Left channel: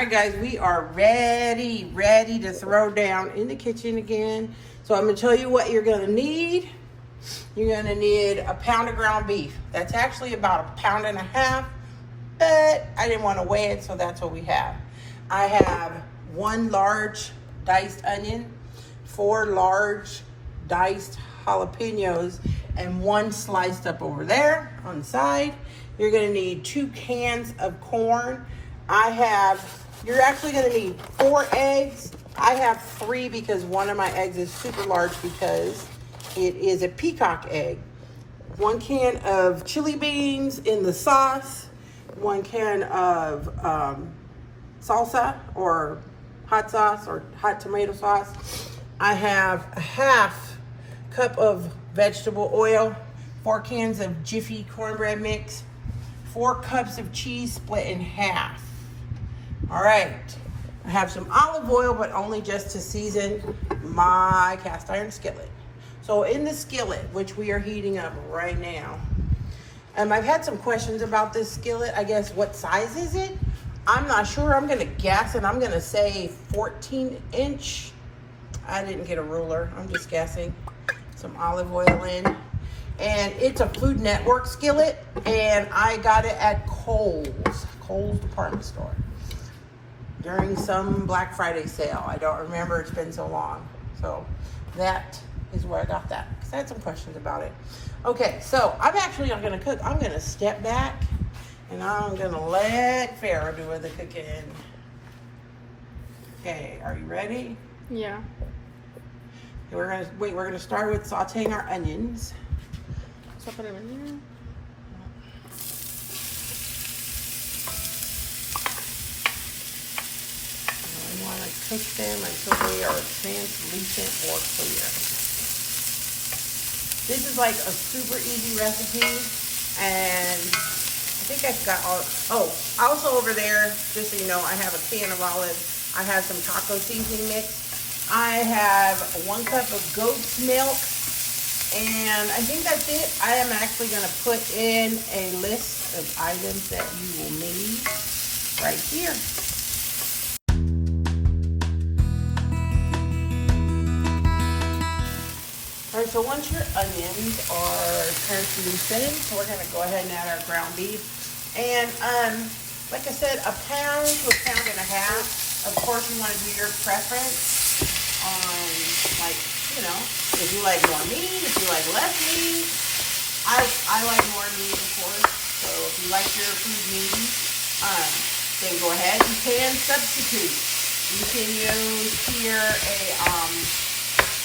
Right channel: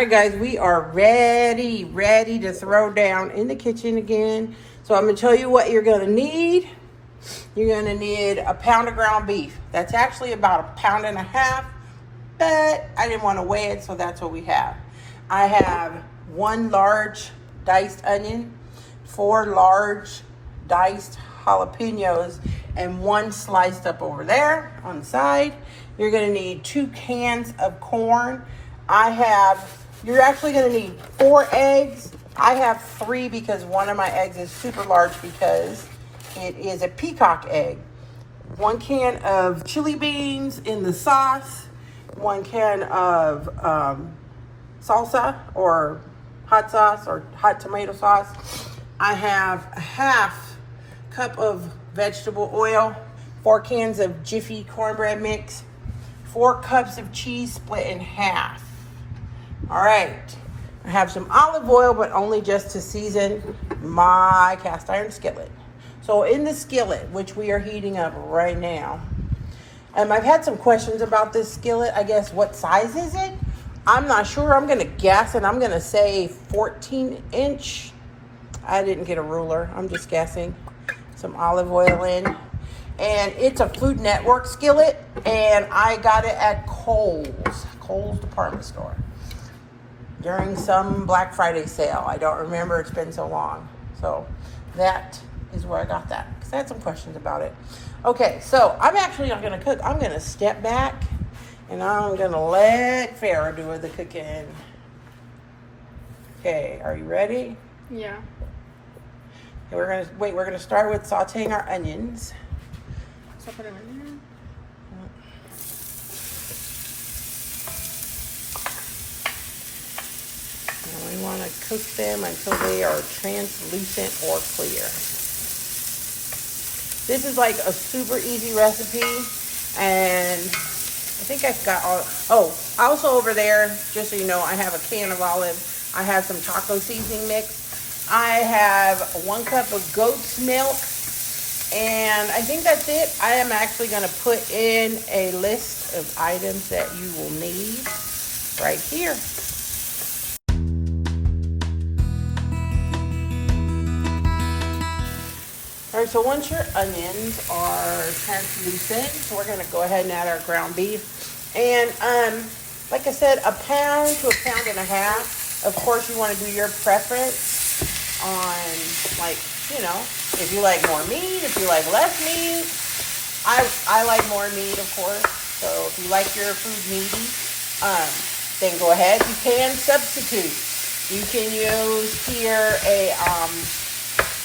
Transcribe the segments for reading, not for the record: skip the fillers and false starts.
right, guys, we are ready to throw down in the kitchen again. So I'm gonna tell you what you're gonna need. You're gonna need a pound of ground beef. That's actually about 1.5 pounds, but I didn't want to weigh it, so that's what we have. I have 1 large diced onion, 4 large diced jalapenos, and 1 sliced up over there on the side. You're gonna need 2 cans of corn. You're actually gonna need 4 eggs. I have 3 because one of my eggs is super large because it is a peacock egg. 1 can of chili beans in the sauce, 1 can of salsa or hot sauce or hot tomato sauce. I have a 1/2 cup of vegetable oil, 4 cans of Jiffy cornbread mix, 4 cups of cheese split in half. All right, I have some olive oil, but only just to season my cast iron skillet. So in the skillet, which we are heating up right now, I've had some questions about this skillet. I guess, what size is it? I'm not sure. I'm gonna guess, and I'm gonna say 14-inch. I didn't get a ruler. I'm just guessing. Some olive oil in. And it's a Food Network skillet, and I got it at Kohl's department store during some Black Friday sale. I don't remember, it's been so long. So that is where I got that, because I had some questions about it. Okay, so I'm actually not gonna cook. I'm gonna step back and I'm gonna let Farrah do the cooking. Okay, are you ready? Yeah. Okay, we're gonna start with sauteing our onions. So put it in there. We want to cook them until they are translucent or clear. This is like a super easy recipe, and I think I've got all. Oh, also over there, just so you know, I have a can of olive. I have some taco seasoning mix. I have 1 cup of goat's milk, and I think that's it. I am actually going to put in a list of items that you will need right here. All right, so once your onions are translucent, so we're gonna go ahead and add our ground beef. And like I said, 1 pound to 1.5 pounds. Of course, you wanna do your preference on, like, you know, if you like more meat, if you like less meat. I like more meat, of course. So if you like your food meaty, then go ahead. You can substitute. You can use here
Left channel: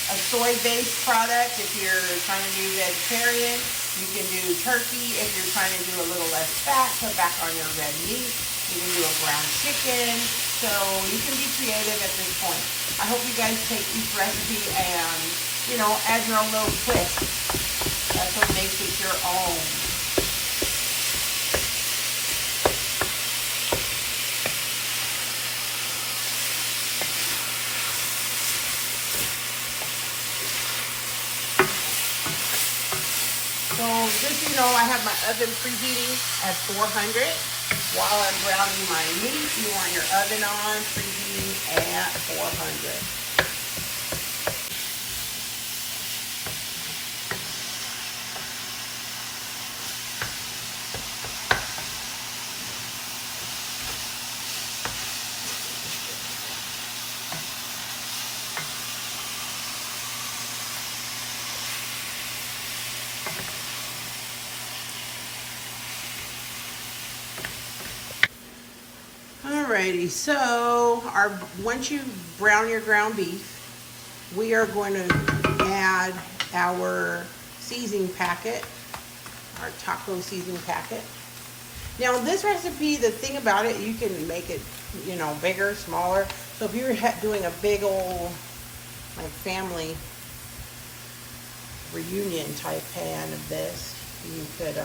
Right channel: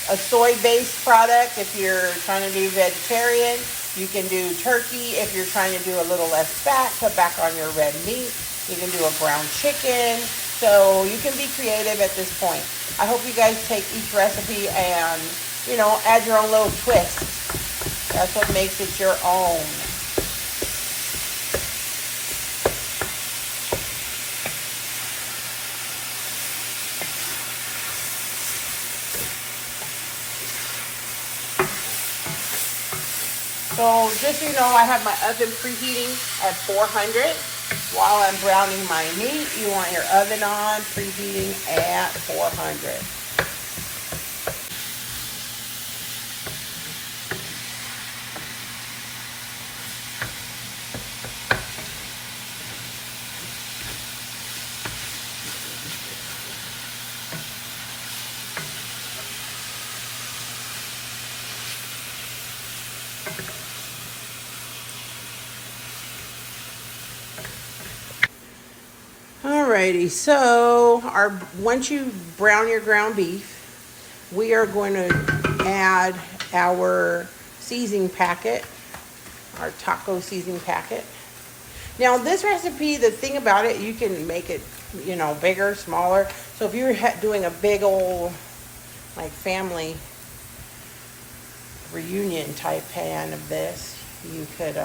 a soy-based product if you're trying to do vegetarian. You can do turkey if you're trying to do a little less fat, cut back on your red meat. You can do a ground chicken. So you can be creative at this point. I hope you guys take each recipe and, you know, add your own little twist. That's what makes it your own. So just so you know, I have my oven preheating at 400. While I'm browning my meat, you want your oven on, preheating at 400. Alrighty, so once you brown your ground beef, we are going to add our seasoning packet, our taco seasoning packet. Now this recipe, the thing about it, you can make it, you know, bigger, smaller. So if you're doing a big old, like, family reunion type pan of this, you could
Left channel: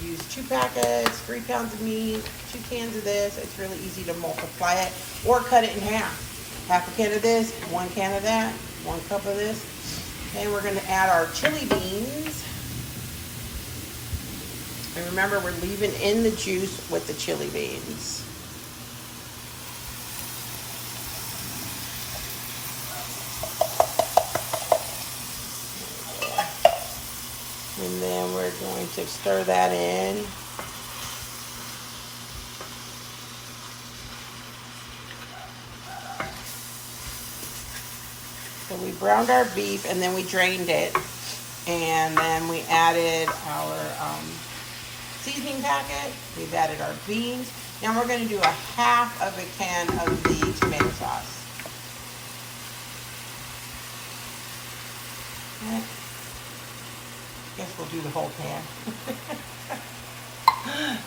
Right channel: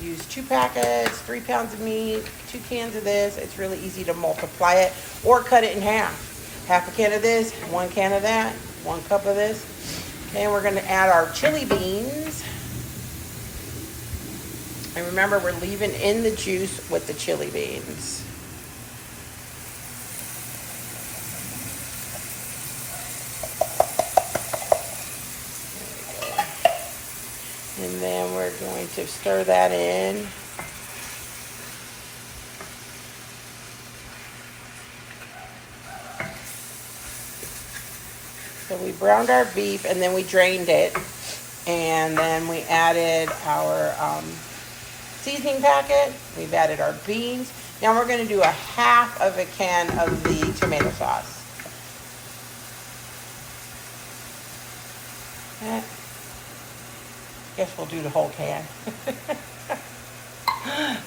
use 2 packets, 3 pounds of meat, 2 cans of this. It's really easy to multiply it or cut it in half. 1/2 can of this, 1 can of that, 1 cup of this. Then we're going to add our chili beans. And remember, we're leaving in the juice with the chili beans. then we're going to stir that in. So we browned our beef and then we drained it. And then we added our seasoning packet. We've added our beans. Now we're going to do a half of a can of the tomato sauce. Guess we'll do the whole can.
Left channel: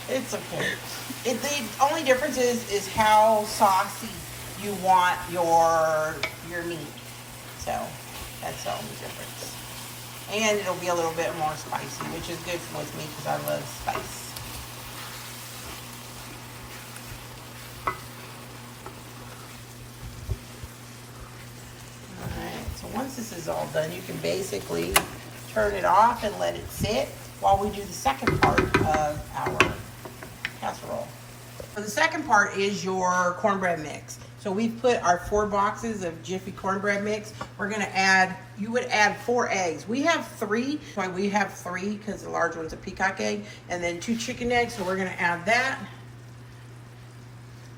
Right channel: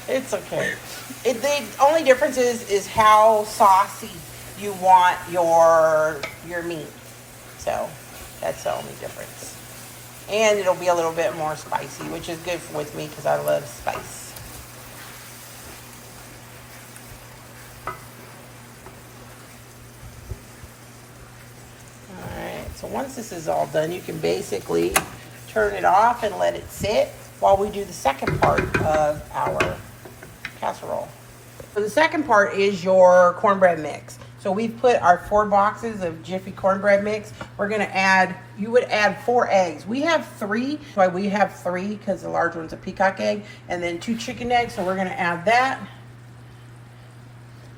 It's okay. The only difference is how saucy you want your meat. So that's the only difference. And it'll be a little bit more spicy, which is good with me because I love spice. Alright, so once this is all done, you can basically turn it off and let it sit while we do the second part of our casserole. So the second part is your cornbread mix. So we put our 4 boxes of Jiffy cornbread mix. We're gonna add, you would add 4 eggs. We have 3, why we have 3 because the large one's a peacock egg, and then 2 chicken eggs, so we're gonna add that.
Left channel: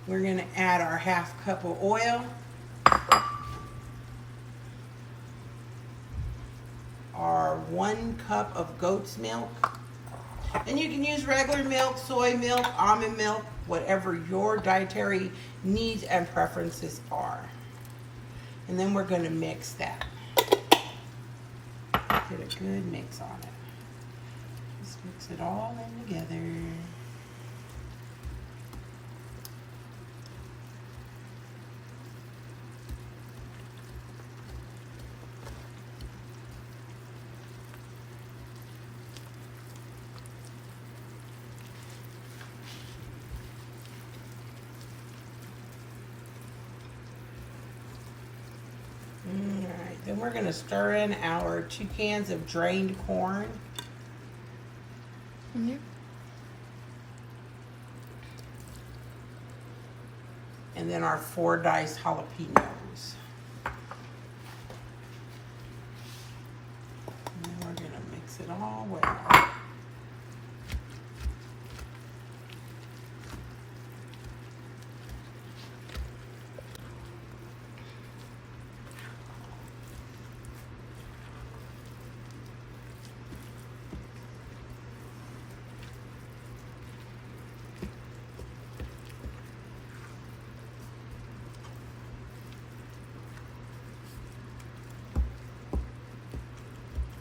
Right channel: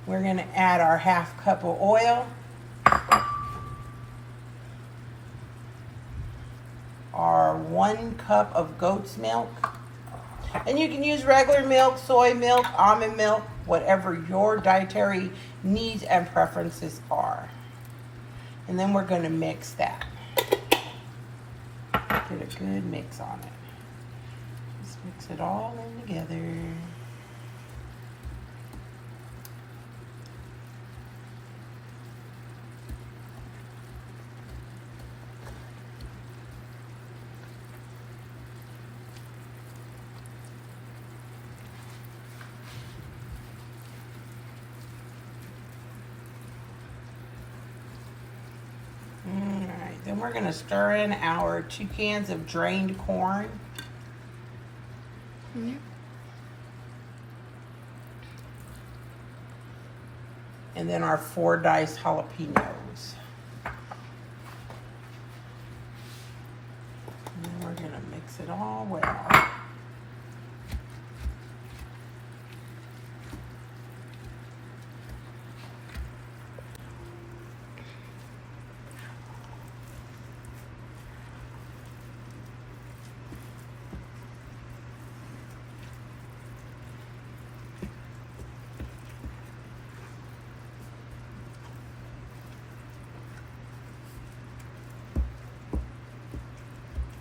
We're gonna add our half cup of oil. Our 1 cup of goat's milk. And you can use regular milk, soy milk, almond milk, whatever your dietary needs and preferences are. And then we're going to mix that. Get a good mix on it. Just mix it all in together. Then we're going to stir in our 2 cans of drained corn. Mm-hmm. And then our 4 diced jalapenos. And then we're going to mix it all well.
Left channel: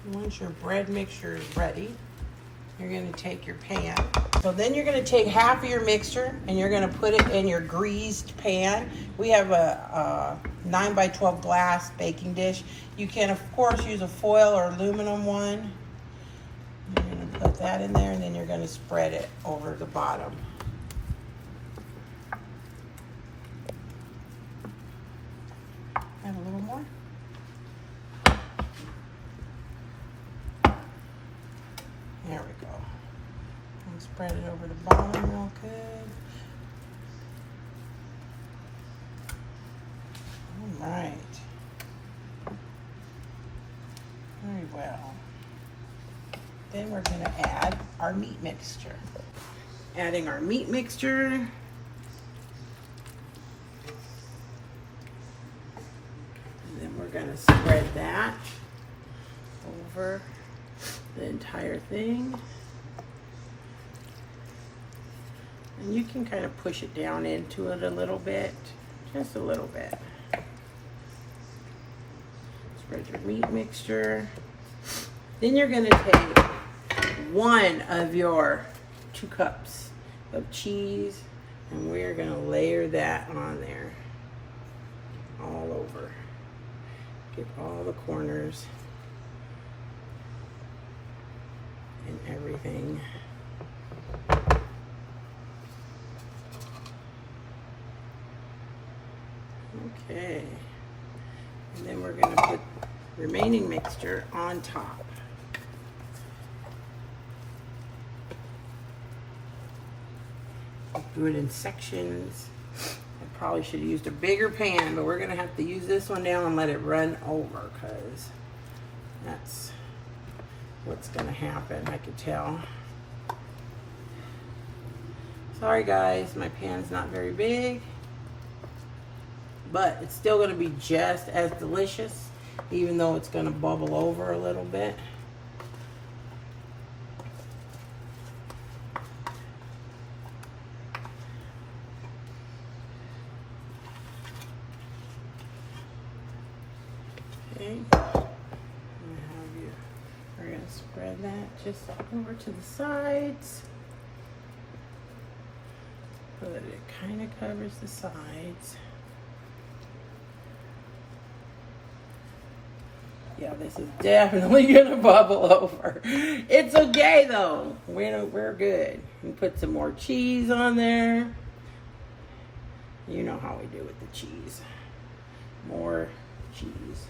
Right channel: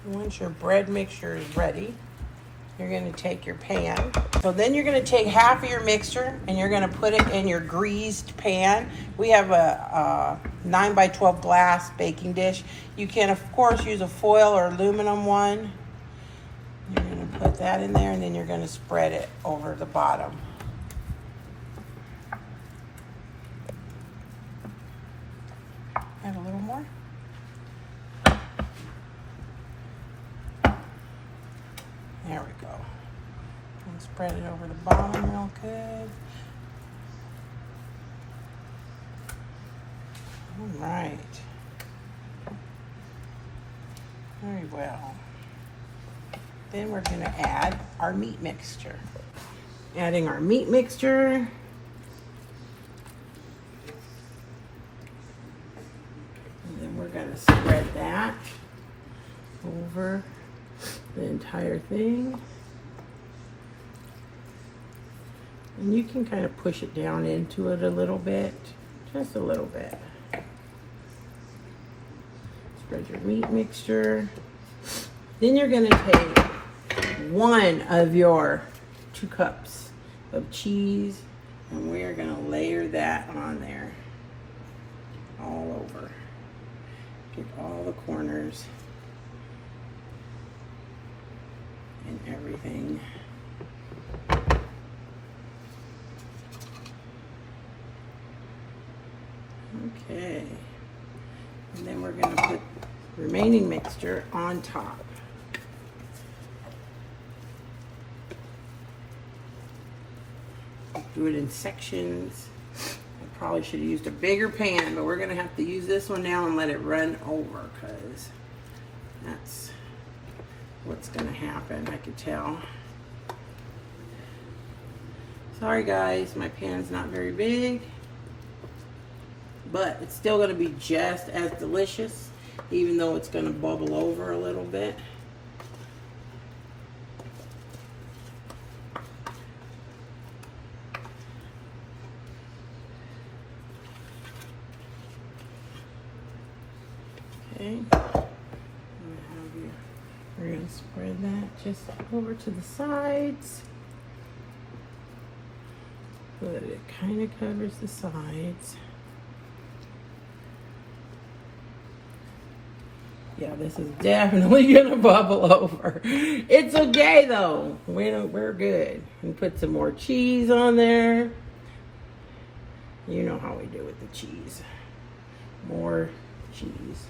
Once your bread mixture is ready, you're going to take your pan. So then you're going to take half of your mixture and you're going to put it in your greased pan. We have a 9 by 12 glass baking dish. You can, of course, use a foil or aluminum one. You're going to put that in there and then you're going to spread it over the bottom. Add a little more. There we go. And spread it over the bottom real good. All right. Very well. Then we're going to add our meat mixture. Adding our meat mixture. And then we're going to spread that over the entire thing. And you can kind of push it down into it a little bit, just a little bit. Spread your meat mixture. Then you're going to take 1 of your 2 cups of cheese and we're going to layer that on there all over. Get all the corners and everything. Okay. And then we're going to put remaining mixture on top. Do it in sections. I probably should have used a bigger pan, but we're going to have to use this one now and let it run over because that's what's gonna happen, I could tell. Sorry guys, my pan's not very big, but it's still gonna be just as delicious, even though it's gonna bubble over a little bit. Okay, we're gonna spread that just over to the sides so that it kind of covers the sides. Yeah, this is definitely gonna bubble over. It's okay though. We're good. We put some more cheese on there. You know how we do with the cheese. More cheese.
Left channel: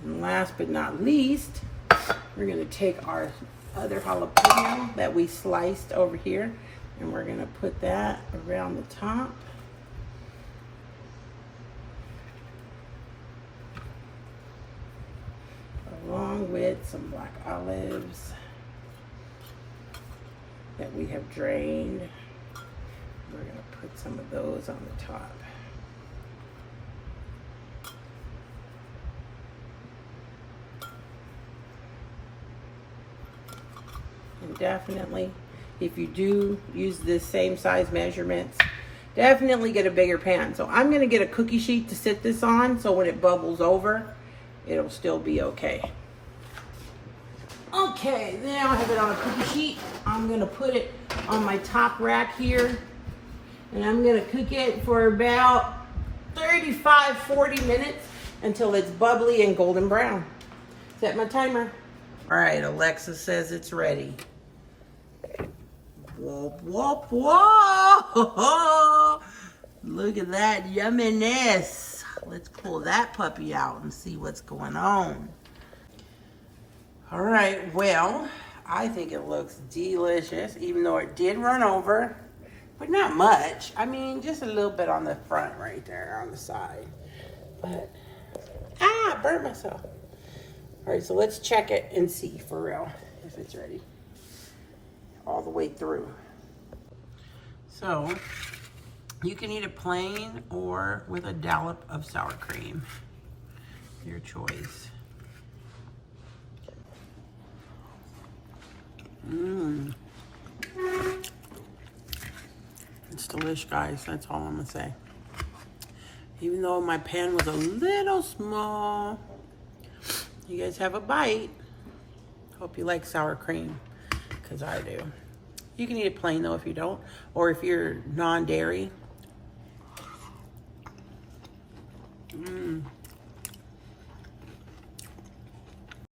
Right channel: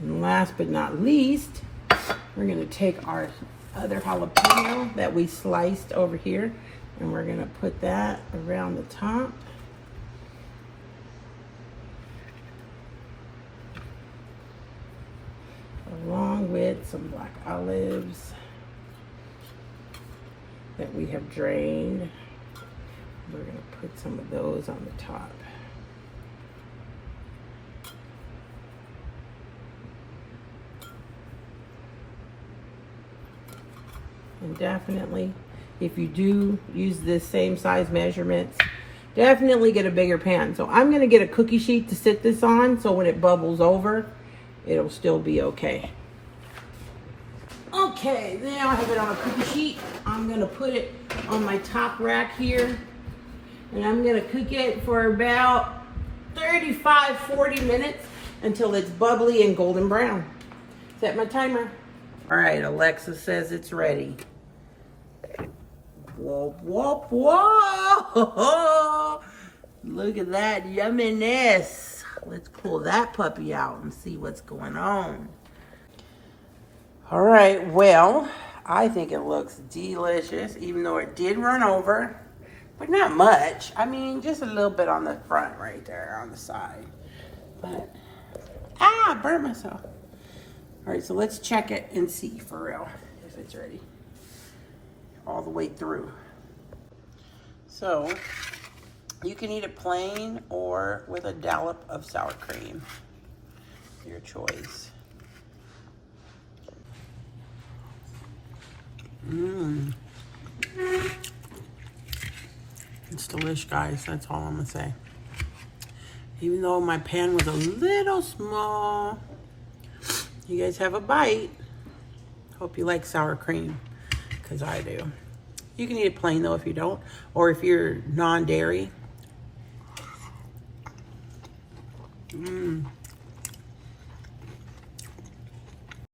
And last but not least, we're gonna take our other jalapeno that we sliced over here, and we're gonna put that around the top. Along with some black olives that we have drained. We're gonna put some of those on the top. And definitely, if you do use the same size measurements, definitely get a bigger pan. So I'm gonna get a cookie sheet to sit this on, so when it bubbles over, it'll still be okay. Okay, now I have it on a cookie sheet. I'm gonna put it on my top rack here, and I'm gonna cook it for about 35, 40 minutes until it's bubbly and golden brown. Set my timer. All right, Alexa says it's ready. Whoop, whoop, whoop. Look at that yumminess. Let's pull that puppy out and see what's going on. All right, well, I think it looks delicious, even though it did run over, but not much. I mean, just a little bit on the front right there on the side. But, I burnt myself. All right, so let's check it and see for real if it's ready all the way through. So you can eat it plain or with a dollop of sour cream, your choice. It's delish, guys. That's all I'm gonna say. Even though my pan was a little small, you guys have a bite. Hope you like sour cream, because I do. You can eat it plain though if you don't, or if you're non-dairy.